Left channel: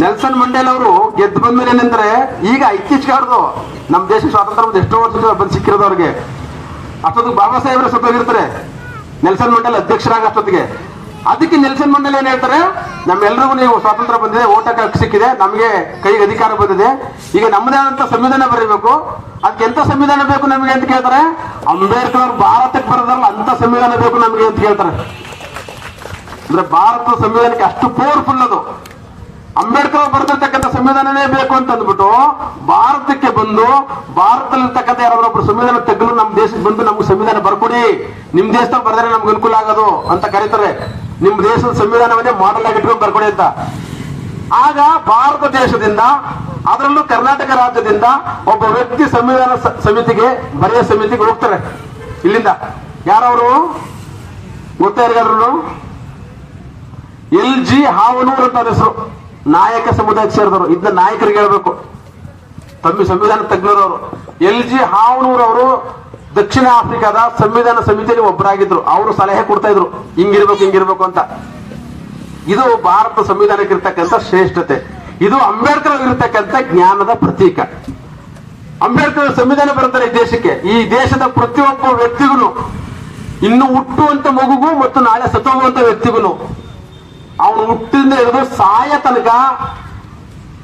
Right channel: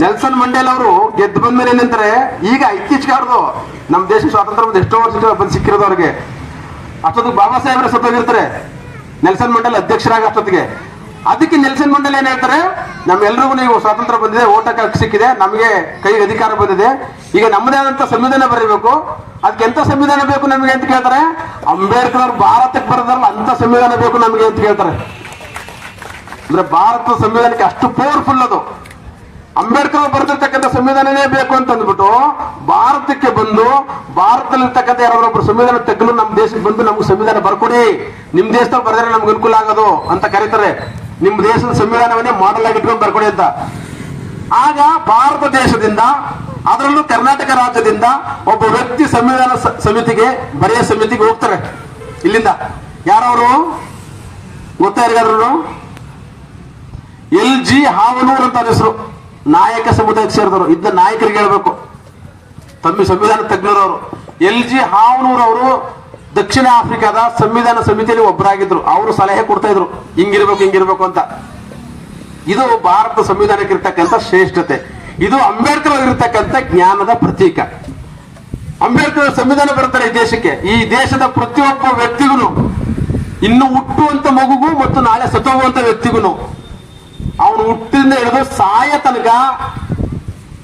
Nelson ಮಂಡೇಲ್ ಅವರು ಗೆದ್ದು ಬಂದ್ಮೇಲೆ ಏನಂದ್ರೆ ಈಗ ಇತ್ತೀಚೆಗಾರ್ದು ನಮ್ಮ ದೇಶ ಸ್ವಾತಂತ್ರ್ಯ ಎಷ್ಟೋ ವರ್ಷ ಬಂದು ಸಿಕ್ಕಿರೋದು ಅವ್ರಿಗೆ. ಅಷ್ಟೊತ್ತಿಗೆ ಬಾಬಾ ಸಾಹೇಬ್ರ ಸತ್ತೋಗಿರ್ತಾರೆ ನೆಲ್ಸನ್ ಮಂಡೇಲ್ ಅಧ್ಯಕ್ಷರಾಗ ಅಷ್ಟೊತ್ತಿಗೆ. ಅದಕ್ಕೆ ನೆಲ್ಸನ್ ಮಂಡೇಲ್ ಏನ್ ಹೇಳ್ತಾರೆ ನಮ್ಮೆಲ್ಲರಿಗೂ ನೀವು ಸ್ವಾತಂತ್ರ್ಯ ಬಂದಿದೆ, ಓಟಕ್ಕೆ ಹಕ್ಕು ಸಿಕ್ಕಿದೆ, ನಮಗೆ ಕೈಗೆ ಅಧಿಕಾರ ಬಂದಿದೆ. ಈಗ ನಮ್ಮದೇ ಆದಂತ ಸಂವಿಧಾನ ಬರೀಬೇಕು. ಅದಕ್ಕೆ ಎಂತ ಸಂವಿಧಾನ ಬೇಕು ನಮಗೆ ಅಂತ ಕೇಳ್ತಾರೆ? ಅಂಬೇಡ್ಕರ್ ಅವ್ರು ಭಾರತಕ್ಕೆ ಬರೋದಲ್ಲ ಅಂತ ಸಂವಿಧಾನ ಬೇಕು ನಮಗೆ ಅಂತ ಕೇಳ್ತಾರೆ. ಅಂದ್ರೆ ಭಾರತ ಸಂವಿಧಾನಕ್ಕೆ ಅಷ್ಟು ಪವರ್ಫುಲ್ ಅದು. ಅಂಬೇಡ್ಕರ್ ಬರೆದಿರ್ತಕ್ಕಂಥ ಸಂವಿಧಾನನೇ ಬೇಕು ಅಂತ ಅಂದ್ಬಿಟ್ಟು ಭಾರತಕ್ಕೆ ಬಂದು ಭಾರತದಲ್ಲಿರ್ತಕ್ಕಂಥ ಯಾರಾದ್ರೊಬ್ರು ಸಂವಿಧಾನ ತೆಗೆದು ನಮ್ಮ ದೇಶಕ್ಕೆ ಬಂದು ನಮ್ಗೆ ಸಂವಿಧಾನ ಬರ್ಕೊಡಿ. ನಿಮ್ ದೇಶದಲ್ಲಿ ಬರೆದ್ರೆ ನಮ್ಗೆ ಅನುಕೂಲ ಆಗೋದು ಅಂತ ಕರೀತಾರೆ. ನಿಮ್ ದೇಶದ ಸಂವಿಧಾನವನ್ನೇ ಮಾಡಲ್ ಆಗಿಟ್ಕೊಂಡು ಬರ್ಕೊಡಿ ಅಂತ. ಆಗ ಭಾರತ ದೇಶದಿಂದ, ಅದರಲ್ಲೂ ಕರ್ನಾಟಕ ರಾಜ್ಯದಿಂದ ಒಬ್ಬ ವ್ಯಕ್ತಿ ಸಂವಿಧಾನ ಸಮಿತಿಗೆ, ಬರೆಯ ಸಮಿತಿಗೆ ಹೋಗ್ತಾರೆ. ಇಲ್ಲಿಂದ. ಯಾರವರು? ಗೊತ್ತಾ ಎಲ್ ಜಿ ಹಾವನೂರ್ ಅಂತ ಹೆಸರು. ನಾಯಕ ಸಮುದಾಯಕ್ಕೆ ಸೇರಿದವರು, ಇದ್ದ ನಾಯಕರಿಗೆ ಹೇಳ್ಬೇಕು. ತಮ್ಮ ಸಂವಿಧಾನ ತಜ್ಞರವರು. ಎಲ್ ಜಿ ಹಾವನೂರವರು ದಕ್ಷಿಣ ಆಫ್ರಿಕಾದ ಸಂವಿಧಾನ ಸಮಿತಿಯಲ್ಲಿ ಒಬ್ಬರಾಗಿದ್ರು. ಅವರು ಸಲಹೆ ಕೊಡ್ತಾ ಇದ್ರು. ಹಿಂಗಿರ್ಬೇಕು ಹಿಂಗಿರ್ಬೇಕು ಅಂತ. ಇದು ಭಾರತ ಸಂವಿಧಾನಕ್ಕೆ ಇರ್ತಕ್ಕಂಥ ಶ್ರೇಷ್ಠತೆ. ಇದು ಅಂಬೇಡ್ಕರ್ ಇರ್ತಕ್ಕಂಥ ಜ್ಞಾನದ ಪ್ರತೀಕ. ಅಂಬೇಡ್ಕರ್ ಸಂವಿಧಾನ ಬರ್ತಾರೆ ಈ ದೇಶಕ್ಕೆ. ಈ ದೇಶದ ಪ್ರತಿಯೊಬ್ಬ ವ್ಯಕ್ತಿಗೂ ಇನ್ನು ಹುಟ್ಟುವಂತ ಮಗುಗೂ ಮತ್ತು ನಾಳೆ ಸತ್ತೋಗುವಂತ ವ್ಯಕ್ತಿಗೂ ಅವನು ಹುಟ್ಟಿಂದ ಹಿಡಿದು ಸಾಯ ತನಕ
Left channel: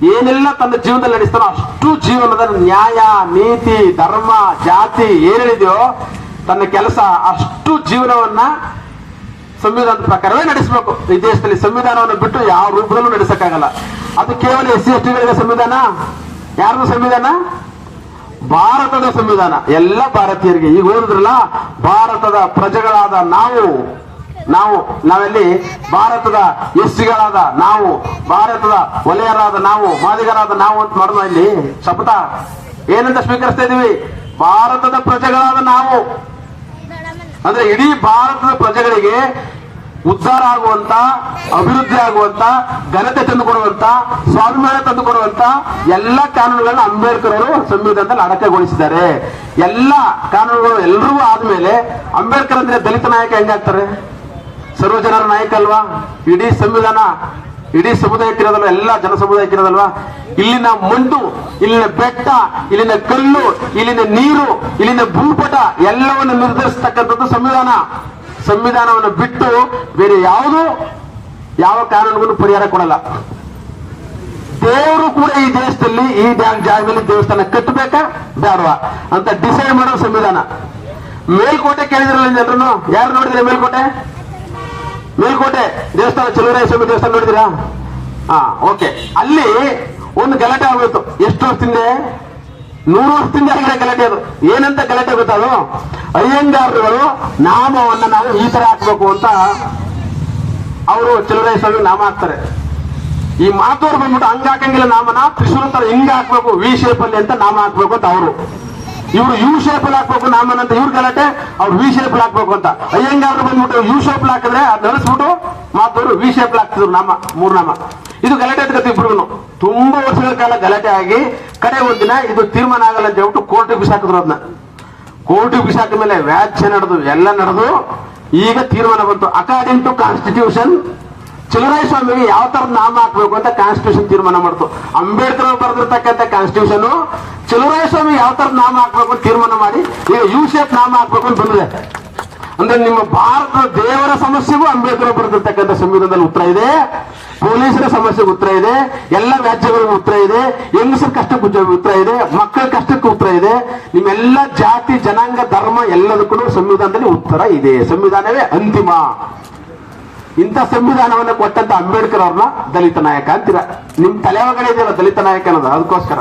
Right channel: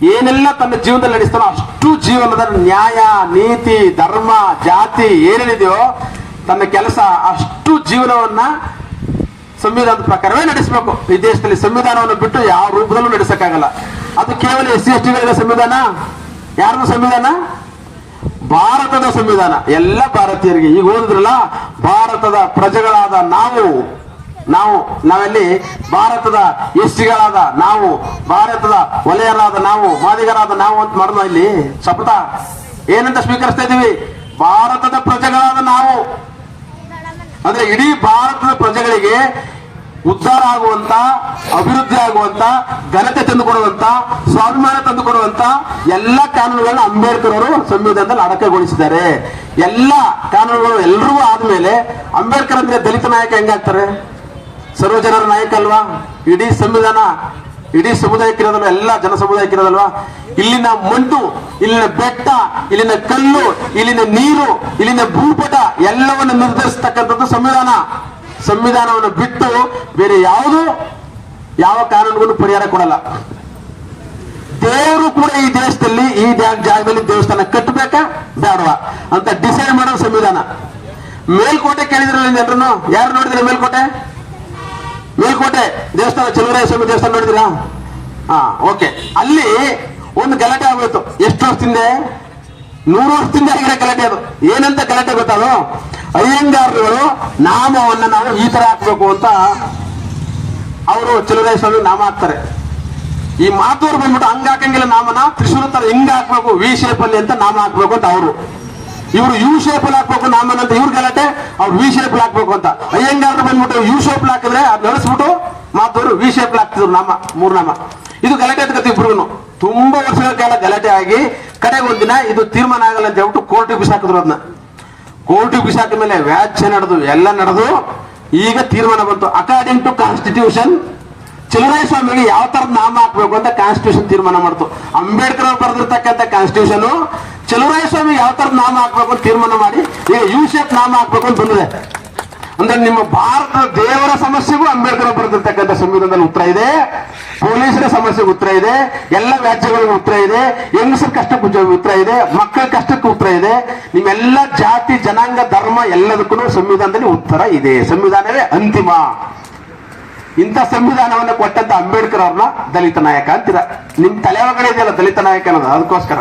ಏನೆಲ್ಲ ತನ್ನ ಜೀವನದಲ್ಲಿ ನಡೆಸ್ತಾನೋ ಅಷ್ಟು ಜೀವನದ ನ್ಯಾಯ, ನೀತಿ, ಧರ್ಮ, ಜಾತಿ ಏನೇನಿದೆಯೋ ತನ್ನ ಕೆಲಸ ಅಷ್ಟು ಜೀವನವನ್ನ ಸಂವಿಧಾನದ ಪ್ರಕಾರವೇ ನಡೆಸಬೇಕು. ಈ ದೇಶದಲ್ಲಿ ಸಂವಿಧಾನವನ್ನು ಬಿಟ್ಟು ಯಾವ ರೂಪದಲ್ಲೂ ನಡೆಸಕ್ಕಾಗಲ್ಲ. ಅದು ಕೇವಲ ಎಸ್ ಸಿ ಎಸ್ ಟಿಗಳ ಸಂವಿಧಾನ? ಯಾರದು ಸಂವಿಧಾನ? ಭಾರತದ ಸಂವಿಧಾನ. ಎಲ್ಲ ಭಾರತೀಯರಿಗೆ. ಈಗ ಓದಿದ್ರಲ್ಲ, ಭಾರತದ ಪ್ರಜೆಗಳಾದ ನಾವು ನಾವು, ನಾವೆಲ್ಲಿ ಭಾರತದ ಎಸ್ಟಿಗಳಾದ ನಾವು, ಭಾರತದ ವಲಯರಾದ ನಾವು, ಮಾದಿಗರಾದ ನಾವು ಅಂತ ಮಾಡೋದು ಇಲ್ಲಿ. ಶಪಥ ಏನಂತ ಸ್ವೀಕರಿಸ್ತಾ ಇದೀವಿ ಭಾರತದ ಪ್ರಜೆಗಳಾದ ನಾವು. ಅಂದ್ರೆ ಇಡೀ ಭಾರತದ ಪ್ರಜೆಗಳಿಗೆ ಉದ್ಧಾರ ಆಗುವಂತ, ಅಭಿವೃದ್ಧಿ ಆಗುವಂತ, ಘನತೆ ತಂದುಕೊಡುವಂತ, ಸ್ವಾಭಿಮಾನ ತಂದುಕೊಡುವಂತ ಎಲ್ಲ ಕಾನೂನುಗಳನ್ನ ಅಂಬೇಡ್ಕರ್ ಅವರು ಸಂವಿಧಾನದಲ್ಲಿ ಅಡಕಗೊಳಿಸಿದ್ದಾರೆ. ಎಲ್ಲ ಕಾನೂನುಗಳು ಎಲ್ಲರೂ ಆದ್ಮೇಲೆ ಅಂಬೇಡ್ಕರ್ ಅಂದ್ರೆ ದಲಿತ ನಾಯಕ ಹೆಂಗಾಗ್ತಾರೆ ಸರ್ವ ಜನರ ನಾಯಕ ಅಲ್ವಾ? ಇಡೀ ಸಂವಿಧಾನ, ಇಡೀ ಸಮುದಾಯಕ್ಕಿರೋದಲ್ವ ಎಲ್ಲ ಜನ ಸಮುದಾಯಕ್ಕಿರೋದಲ್ವಾ ಇಲ್ಲಿನ ಮಣ್ಣು ಇಲ್ಲಿನ ಬೆಟ್ಟ, ಇಲ್ಲಿನ ಕಲ್ಲು, ಇಲ್ಲಿನ ನೀರು, ಇಲ್ಲಿನ ಭೂಪಟ, ಎಲ್ಲವನ್ನು ನಿರ್ಧರಿಸತಕ್ಕಂಥದ್ದು ಸಂವಿಧಾನ. ಸಂವಿಧಾನವನ್ನು ಬಿಟ್ಟು ಬೇರೆ ಯಾವುದು ಯಾವ ಕಾನೂನಿಗೂ ಪರಿಹಾರ ಕೊಡಲ್ಲ. ದೇವರು ಕೂಡ ಈ ದೇಶದಲ್ಲಿ, ಈ ಜಾಗದಲ್ಲಿ ದೇವಸ್ಥಾನ ಕಟ್ಟಬೇಕಾ? ಬೇಡವಾ. ಅಂತ ಡಿಸೈಡ್ ಮಾಡೋ ಸಂವಿಧಾನ. ಮೇಲ್ಕೋಟೆ ಕೇಳಿದ್ರಲ್ಲ ಜನರನ್ನು ಯಾರು ನೋಡಿದ್ರೆ ಮೇಲ್ಕೋಟೆ? ಮೇಲ್ಕೋಟೆ ದೇವಸ್ಥಾನ ಚಲುವರಾಯ ಸ್ವಾಮಿ ದೇವಸ್ಥಾನ ನೋಡಿದಿರಾ ಹಾ ಓಕೆ ಅಲ್ಲಿ ಒಂದು ಗಲಾಟೆ ಆಗೋಯ್ತು. ಎಷ್ಟು ವರ್ಷದಿಂದ? ನೂರು ವರ್ಷದಿಂದ ಆಗಿರೋ ಗಲಾಟೆ ಅದು. ಏನಂತ ಗಲಾಟೆ ಗೊತ್ತಾದ್ರು ಅಯ್ಯಂಗಾರರುಗಳು ನಾಮವನ್ನ ನಾವು ಈ ತರ ಹಾಕ್ಬೇಕು ಅಂತ ಅವರು ಚಲುವರಾಯ ಸ್ವಾಮಿ ನಾಮ ಹಾಕ್ತಾರೆ. ಈ ಮಾತೋರು ಬಂದ್ಬಿಟ್ಟು ಹಂಗ ಹಾಕಂಗಿಲ್ಲ ನಾಮನ ತ್ರಿಶೂಲ ತರ ಹಿಂಗ ಹಾಕ್ಬೇಕು, ವಿ ಶೇಪ್ ಅಲ್ಲಿ ಅಂತ ನಾಮ ಹಾಕ್ಬೇಕು ಅಂತ ಅವರು. ಇವರು ಯು ಶೇಪ್ ಅಲ್ಲಿ ಹಾಕ್ಬೇಕು ನಾಮನ ಅಂತ ಇವ್ರ ಗಲಾಟೆ, ಅವ್ರು ವಿ ಶೇಪ್ ಹಾಕ್ಬೇಕು ಅಂತ. ಅಯ್ಯಂಗಾರರು ಬಂದ್ಬಿಟ್ಟು ಯು ಶೇಪ್ ಹಾಕಿದ್ರೆ ಅದ್ ನಡೆಸ್ಬಿಟ್ಟು ಮಾತವರು ವಿ ಶೇಪ್ ಹಾಕ್ತಿದ್ರು ನಮ್ಮ, ಮೂರ್ ನಾಮ ಇದು ಗಲಾಟೆ ಎತ್ಕತಿ ಇಬ್ರು ತುಂಬಾ ವರ್ಷಗಳ ಕಾಲ ಗಲಾಟೆ ಆಗಿ ಕಡೆಗೆ ಒಂದಿನ ಇದು ತೀರ್ಮಾನ ಆಗಲ್ಲ ಅಂತ ಹೇಳ್ಬಿಟ್ಟು ಕೋರ್ಟಿಗೆ ಬಿಸಾಕಿದ್ರು ಅದನ್ನ ಕೋರ್ಟ್ ಬಿಸಾಕ ಮೇಲೆ ವ್ಯಾಚ್ಯ ನಡೆದು, ಎಲ್ಲ ನಡೆದು ಈಗ ತೀರ್ಮಾನ ಬಂತು. ಅಕಾರ್ಡಿಂಗ್ ಟು ಕಾನ್ಸ್ಟಿಟ್ಯೂಷನ್ ಚಲುವರಾಯ ಸ್ವಾಮಿಗೆ ಯಾವ ತರದ ನಾಮ ಹಾಕ್ಬೇಕು ಅಂತ ಕಾನ್ಸ್ಟಿಟ್ಯೂಷನ್ ತೀರ್ಮಾನ ಮಾಡ್ತು. ಅಂಬೇಡ್ಕರ್ ಅವರು ಬರೆದಿರ್ತಕ್ಕಂಥ ಕಾನ್ಸ್ಟಿಟ್ಯೂಷನ್ ಚಲುವರಾಯ ಸ್ವಾಮಿ ಯಾವ ತರದ ನಾಮ ಹಾಕ್ಬೇಕು ಅಂತ ತೀರ್ಮಾನ ಮಾಡಿ, ಈಗ ಯು ಶೇಪ್ ನಾಮ ಹಾಕ್ಬೇಕು ಅಂತ ಬಂದಿದೆ. ಅಂದ್ರೆ ನಿಮ್ಮ ಭಾರತ ದೇವರ ಸಮಸ್ಯೆಗೂ ಅಂಬೇಡ್ಕರ್ ಬರೆದಿರ್ತಕ್ಕಂಥ ಸಂವಿಧಾನದಲ್ಲಿ ಉತ್ತರ ಇದೆ, ಪೊಲೀಸರ ಸಮಸ್ಯೆಗೆ ಉತ್ತರ ಇದೆ, ಎಲ್ಲ ರಾಜ್ಯಗಳಿಗೆ ಉತ್ತರ ಇದೆ, ಹೆಂಗಸರ ಕಷ್ಟಕ್ಕೆ ಉತ್ತರ- ಇದೆ, ಮಕ್ಕಳ ಕಷ್ಟಕ್ಕೆ ಉತ್ತರ ಇದೆ. ನಿಮ್ಮೆಲ್ಲ ಜಾತಿ, ಜನಾಂಗ, ಧರ್ಮ ಎಲ್ಲದಕ್ಕೂ ಸಂವಿಧಾನದಲ್ಲಿ ಉತ್ತರ ಇದೆ. ಸಂವಿಧಾನವೇ ಅಂತಿಮ. ಇಂಥ ಸಂವಿಧಾನವನ್ನು ಕೊಟ್ಟಂತ ಅಂಬೇಡ್ಕರ್ ಅವ್ರನ್ನ ದಲಿತ ನಾಯಕ ಅಂತೀರ. ನಿಮ್ ತಲೆ ಒಳಗಡೆ ಇದೆಯಲ್ಲ ದಲಿತ ನಾಯಕ ಅನ್ನೋದು, ಅದಕ್ಕೋಸ್ಕರ.